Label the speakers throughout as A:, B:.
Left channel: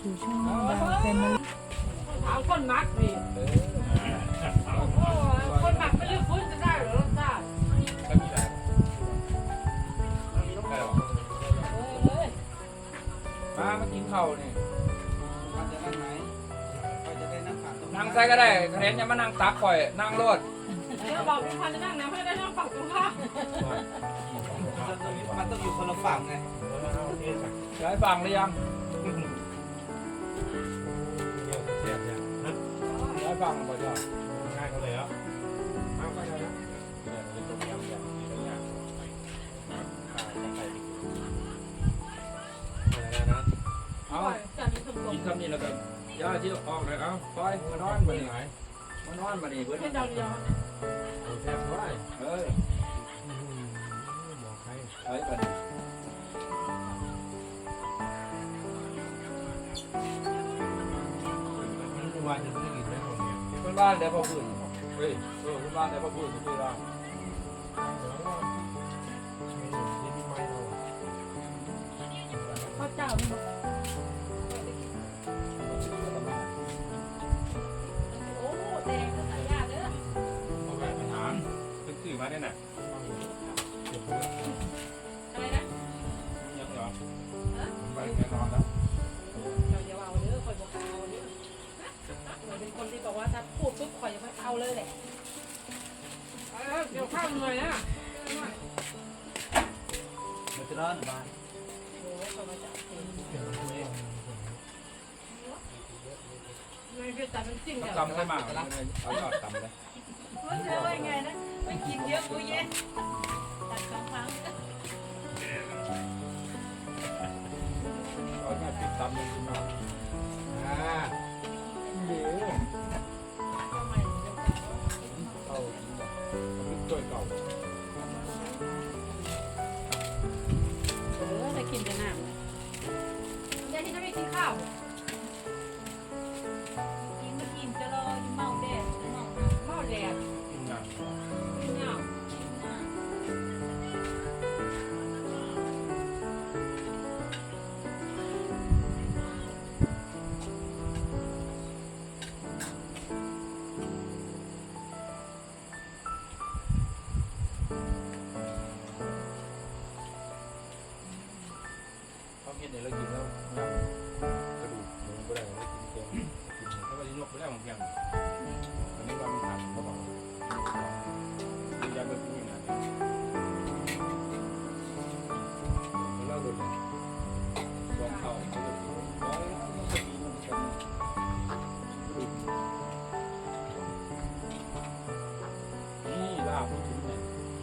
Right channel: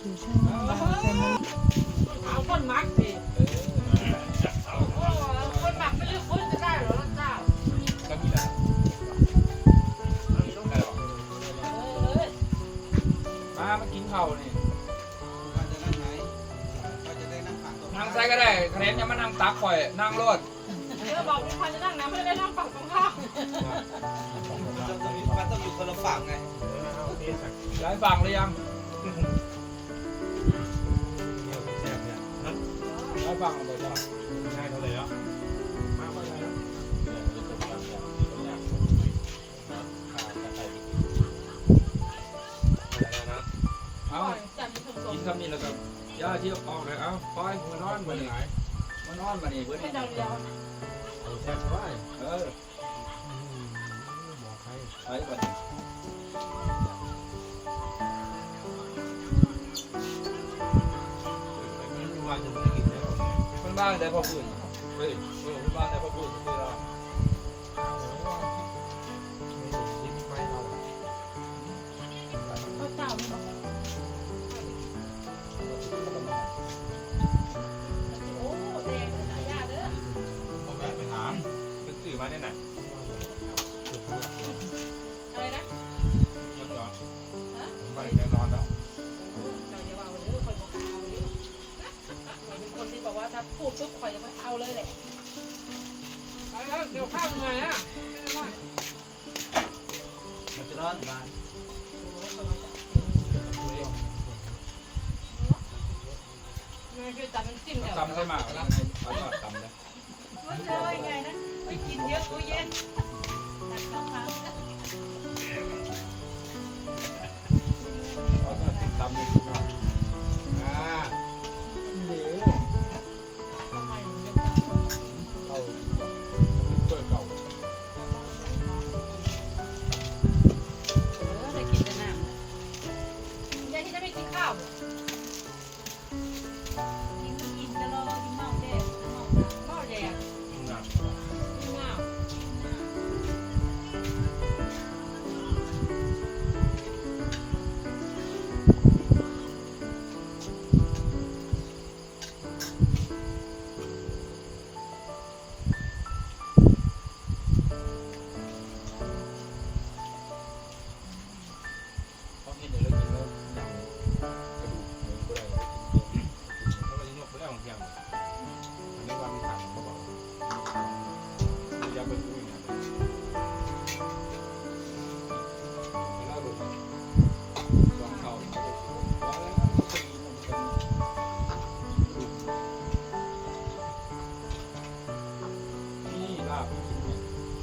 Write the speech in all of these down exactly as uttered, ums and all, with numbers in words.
A: สู่ช่องดาวแฟมิลี่
B: เอาคนมักดิคนมักไม่ได้ฟื้นจะได้หรอจ้า
C: ก็มีแหละได้หรอมามากินข้าวนี่นั่งใส่ก็ได้คะแนนยังมานั่งตักข่อยนั่งรถ
B: เดี๋ยวบอกพี่พรจะนั่งนะไม่ได้นั่งฝั่งตรงข้าม
D: มันต้องอยู่คนละฝั่งไง
C: ย้ายฝั่งหรือยังย้ายฝั่งหรือเปล่าจ้า
E: ง่ายเขาเลยอ่ะ
C: มาก็ได้แล้วเอา
B: จันทร์ถึงล
C: กิ
B: ม
C: นคำนี้แล้วก็ย่าที่ออกเลยเอาคอยมานอนมานี่มานอนมานี่เพื่อน
B: ไม่ดังยาว
E: เอาแทบไว้
C: เออ
E: บอกใคร
C: ไอ้บัดนี้
E: ไม่ว่าจะไม่กินได้หรอกเนี่ย
C: เพื่อนบ้านได้พ่อพื้นเฮ้ยเออเพื่อนบ้านได้พ่อพื้นก็คือเรา
E: ไม่หนุนที่ไม่ไม่เราอ่ะ
B: เขาเจ้ามีบอกโอ้แดงเลยยาเด้อ
E: เอาไปไปถาม
C: เป็นสื่อมาได้ไหน
B: อะไรนะ
C: ยังเหรอ
E: ผมไปแน่นอนแล้ว
B: อย่าเอาเด้อคนบอกเอาเด้อเป็นคนที่บอกว่าถ้าพูดปุ๊บคอยยังไม่เอาเลยแหละเดี๋ยวข้าวหน่อยนะ
D: มันจะร้อนบ้าน
B: ไม่เป็นแต่มันจริง
C: ตำได้มากนะเอายอดตำเลย
B: มันจะว่าไงนะไม่กินเยอะตู้เย็น
C: เอายอดติดตำเลยอ่าเดี๋ยว
B: ทำไม
C: เอาเป็นตัวเก่า
B: เออได้กินแต่น้ำยายที่จะไม่กินข้าวกินกินจะรอกินเมาแดดเมาแดด
C: กินน้ำ
B: กินเมา
C: เขากินเดี๋ยวเรากินแล้วยำกระดูกหมูก็ได้เรากินเยอะ
E: เขาก็จะยกไปได้ของแกง
C: อันนี้ว่ามันทำเขาบอกมียำเป็นกุ้งอย่างนี้แล้วดูลองเข้าเขาดูร้อยปีมันเป็นนี่ลาบกินเนี่ย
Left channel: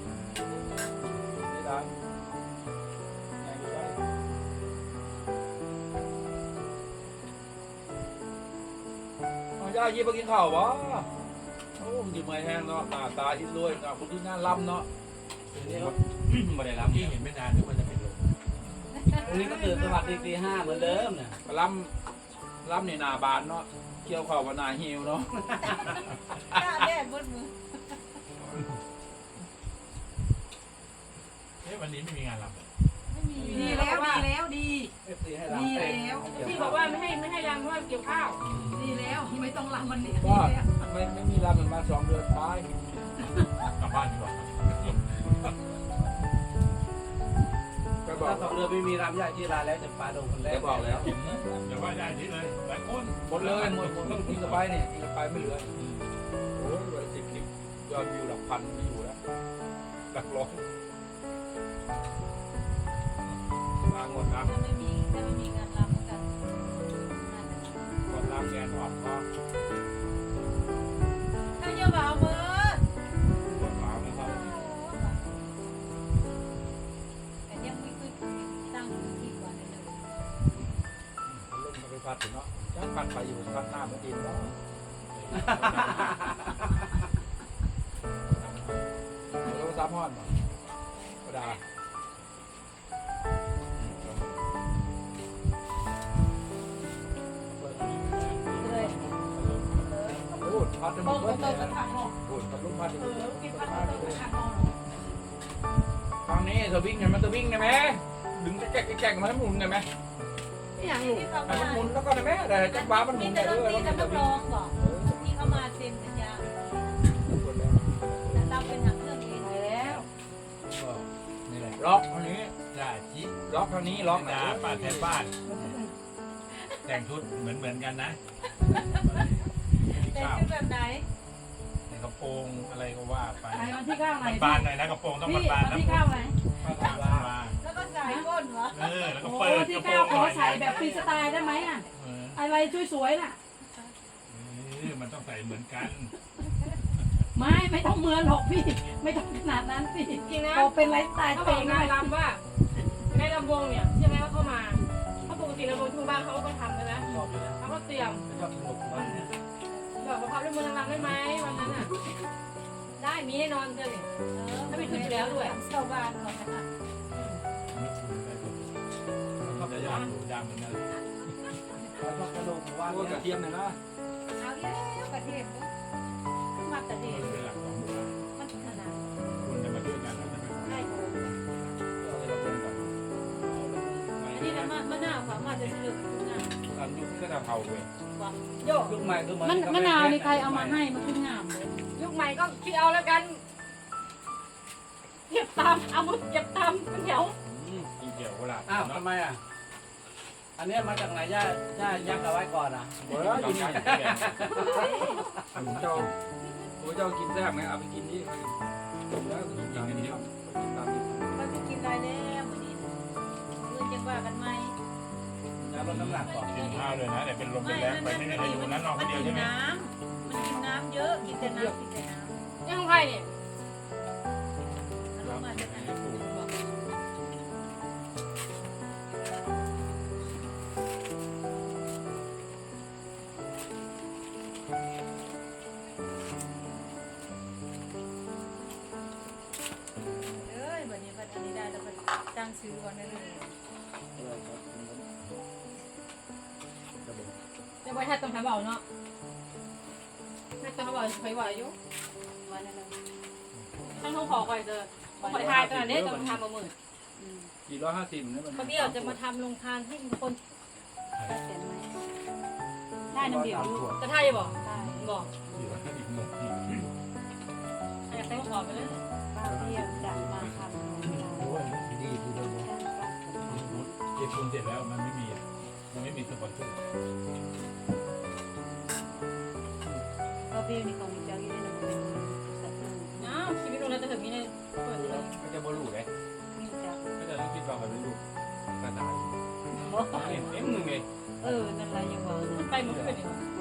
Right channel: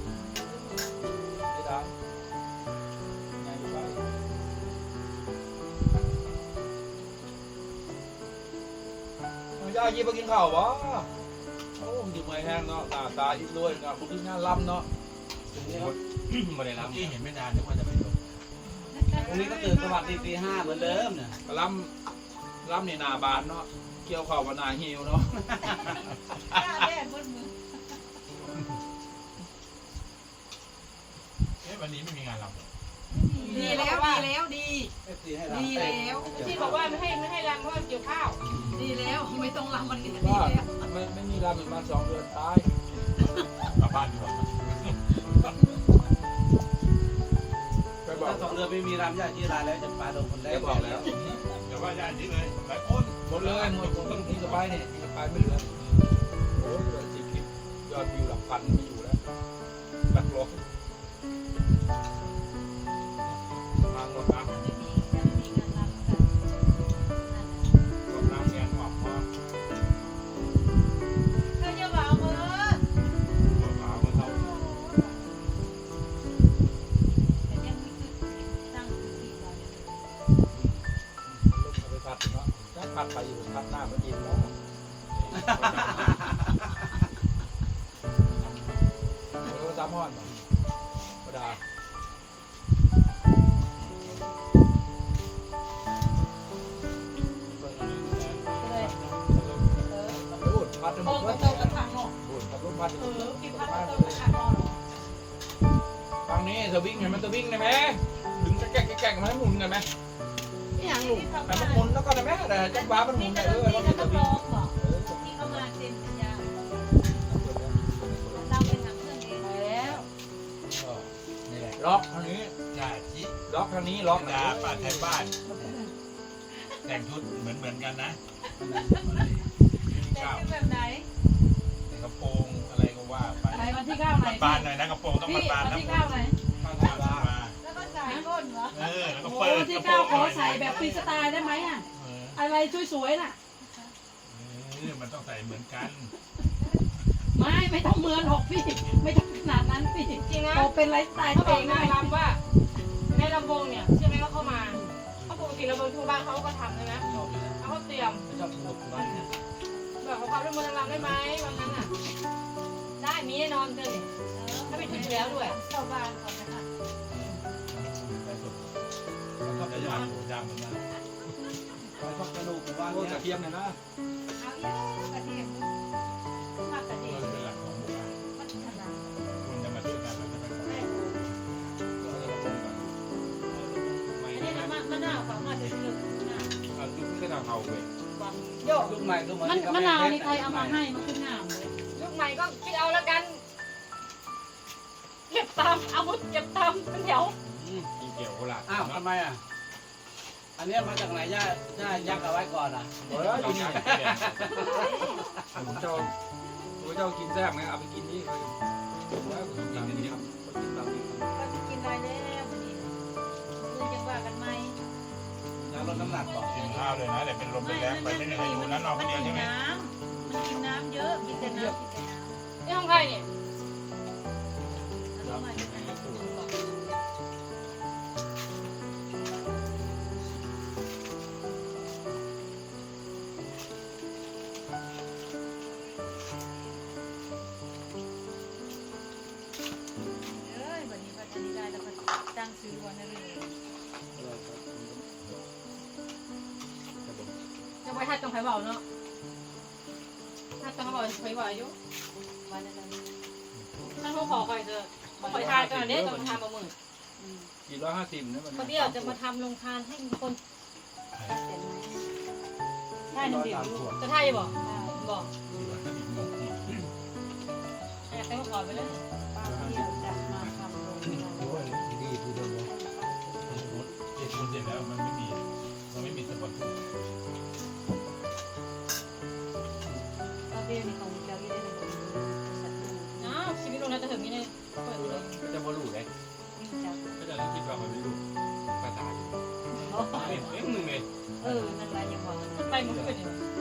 C: ไม่ได้ไงดูไปเอาย่ายี่ไปกินข้าววะโอ้มันดีไม่แห้งเนาะตาตาอิ่มด้วยนะบุญที่น่าล้ำเนาะ
E: ถึงนี้ไม่ได้รับที่เห็นไม่นานเดี๋ยวก็จะเป็นลม
D: วันนี้ก็ตื่นสวัสดีตีห้าเหมือนเดิมเนี่ย
C: ล้ำล้ำในนาบานเนาะเกี่ยวข้าวกับนาหิวเนาะ
B: แดดบนมือ
E: เอ๊ะวันนี้ไม่มีงานรับ
B: ดีแล้วดีแล้วดี
D: เอฟซีให้รับ
B: ดีแล้วที่บอกว่าไม่ให้ไม่ให้รำเพราะว่าเกี่ยวข้าว ดีแล้วที่ไม่ต้องรำวันนี้ดี
C: ก็
B: แล้ว
C: ไม่ไม่มีล้ำมันมาสองเดือนตาย
E: กลับบ้านดีกว่า
C: ก็บอก
D: ถ้าสองเดือนไม่มีรำยากที่ร้านแล้วจะปลาโดนคนแร
C: แก
D: ก
C: บอกแล้ว
E: แต่ว่าญาตินี้เลยหลายคน
C: หมดเลยหมดหมดต้องกินกับไปเนี่ยกินกับไปไม่เหลือโอ้ยวันสิบคลิปยอดวิวหลักพันไม่อยู่แล้วหลักร้อยลางหมดครับกดน้ำแกนออกพอ
B: ถ้าเยอะเบาเบอร์
E: ปวดขามาเท่า
B: แต่ยังไม่คือตั้งที่ก่อน
C: ลงมาไปพัดเนาะจักพัดไปอยู่พัดหน้ามันดินแล้วเราซ้ำห้อนมาธรรมดาพูดพัดจะหม
B: โอ้
C: ด
B: โห
C: เลย
B: เราจะทำเนาะ
C: พูดพัดลูกพัดจะหม
B: เอ
C: ดเล
B: อย กิน
C: พั
B: ข้า
C: ด
B: ว
C: มา
B: ต้
C: เล
B: ม
C: ยฟังนี้สวิงไงมันสวิงไงไหมดึงแก๊กแก๊กมาให้หมุนไงไหม
B: อย่างนี้
C: ให้มันหมุนแล้วก็ได้ไหมแต่จักรวาลมันหมุนได้เออเราไม่ได้วิ่งเออ
A: ที่เขามาเซ็นสัญญา
C: เปิดแล้ว
A: เราเป็นทำเครื่องเอง
B: ไปแล้ว
E: ก็นี่แหละ
C: ล็อกทางนี้
E: จ่าจิ
C: ล็อกทางนี้ล็อก
E: ดาป่าไทยบ้าน แต่งชุดเหมือนเหมือนกันนะ
A: เป็น
E: ข้าว
A: แบบไหน
E: กระโปรงอะไรก็ว่าไป
B: ไปวันที่เก้าไหน
E: บานๆหน่อยนะกระโปรงต้อง
B: พี่
E: บาน
B: วัน
E: ๆนะ
B: ที่เก้าไหน
E: ข้าวทางมา
A: แล้วก็สายก้นเหรอ
E: เออแล้วก็
B: โอ้
E: เปิด
B: ที่
E: กระโปร
B: เก้าง ข
E: ห
B: อ
E: น่อย
B: ใส่แบบฟรีสไตล์ได้ไหมอ่ะ
E: เออ
B: อะไรสวยๆน่ะ
E: เออมันต้องใส่เหมือนกัน
B: ไม่ไม่ต้องเหมือนหรอกพี่ ไม่ต้องขนาดนั้นพี่
F: จริงนะ
B: พอเป็นไลฟ์สไตล์
F: เขา
B: ตัว
F: บ
B: เอ
F: อก
B: ง
F: นาง
B: ได้
F: รำว่าในลำวงเนี่ยเชื่อไหมว่าเข้ามาเขาปกติลำวงทุกบ้านเขาก็ทำใช่ไหม
D: ชอบอยู่นะ
F: เขาก็เตรียม
D: ไม่ชอบสนุกวันนี้
F: แบบขอความร่วมมือนางรำได้ไหมวันนั้นอ่ะได้มีแน่นอนเลยถ้าไปถึงอยู่แล้วด้วย
A: ชาวบ้านเขานะคะ
E: มันก็จะยากอยู่ยากเหมือนกัน
D: ไม่ชอบสนุกวัน
C: โอ้
D: นี้
C: กระเทียมเนี่ยนะ
A: เอาเยอะกระเทียมขึ้นมากระเทีย
E: มั
A: ม
E: นเป็นหลักของหมู่บ้าน
A: มันขนาด
E: คนจะมาช่วยกันแล้วจะไปขอ
C: เอาเราลงก่อน
A: นี้นะมะนาวเขามาจะซื้อมะนาว
C: อันยุคที่ก็ทำเอาเว้ย
F: โยก
D: ยุคใหม่ก็เหมือน
B: มัน
D: ที่เขา
B: มะ
D: ไม่
B: นาว
D: เพช
B: นี่ใครเอามาให้มันคืองามเลย
F: ยุคใหม่ก็คิดเอาแล้วกันเก็บตามเอามุดเก็บตามเป็นแถว
C: กินเกี่ยวโคราช
D: อ้าวทำไมอ่ะอันนี้มาจากไหนย่าย่ายักเอาไว้ก่อนอ่ะ
C: เอออยู่นี่ผมเจ้าผมเจ้ากินแซ่บไหมเอาไปกินนี่เก็บไว้กินกันเดียวตามนี้
A: ก็จะกินอะไรแล้ววันนี้คือจะว่ากันไหม
D: ยาลดน้ำหนักก่อน
E: กินข้าวเลยนะแต่เป็นลมเป็นแรงไปไม่มีใครอยู่นะนอนคนเดียวใช่ไหม
A: มันกินน้ำเยอะกินแต่น้ำกินแต่น้ำ
F: นี่ของใครเนี่ย
A: แล้วมันจะเป็นสูตรบอกเอ้ยวันนี้ก็จะไม่ได้แล้วก็ตั้งซื้อวันนั้นเลย
F: จะไปให้ตรงไผ่เบาเนาะให้ตรงไผ่เบาไผ่เบาอยู่
A: วันนั้น
F: ท่านต้องขอก่อนเจอขอขอทานก่อนเนี่ยต้องทำมาหมื่น
C: สี่ร้อยห้าสิบนะมัน
F: บางทีเราจะมาทำโรงทานให้คน
B: ได้หนึ่งเดียว
F: จะท่าจะบอกบอก
E: สี่ร้อยห้าสิบหมกที่
F: อยากได้ขอไปเลย
E: โอ้ยดีดูเดิมเลยเจ็ดคูณเสร็จแล้วมันไม่มีมันไม่มีสปอนเซอร์
A: ก็เบี้ยมีของเจ้าอยู่ในหนึ่งสัตว์หนึ่ง
F: อ้าวชีวิตเราจะถึงนี่เลยเปิดเลย
C: ก็จะบรูเลย
A: มีจับ
C: ก็จะต้องคิดว่ามันเป็นลูกกระต่ายเอ็มหนึ่งเลย
A: เออนั่นแหละยังว่า
F: มันไปมันขึ้นเนี่ย
A: เ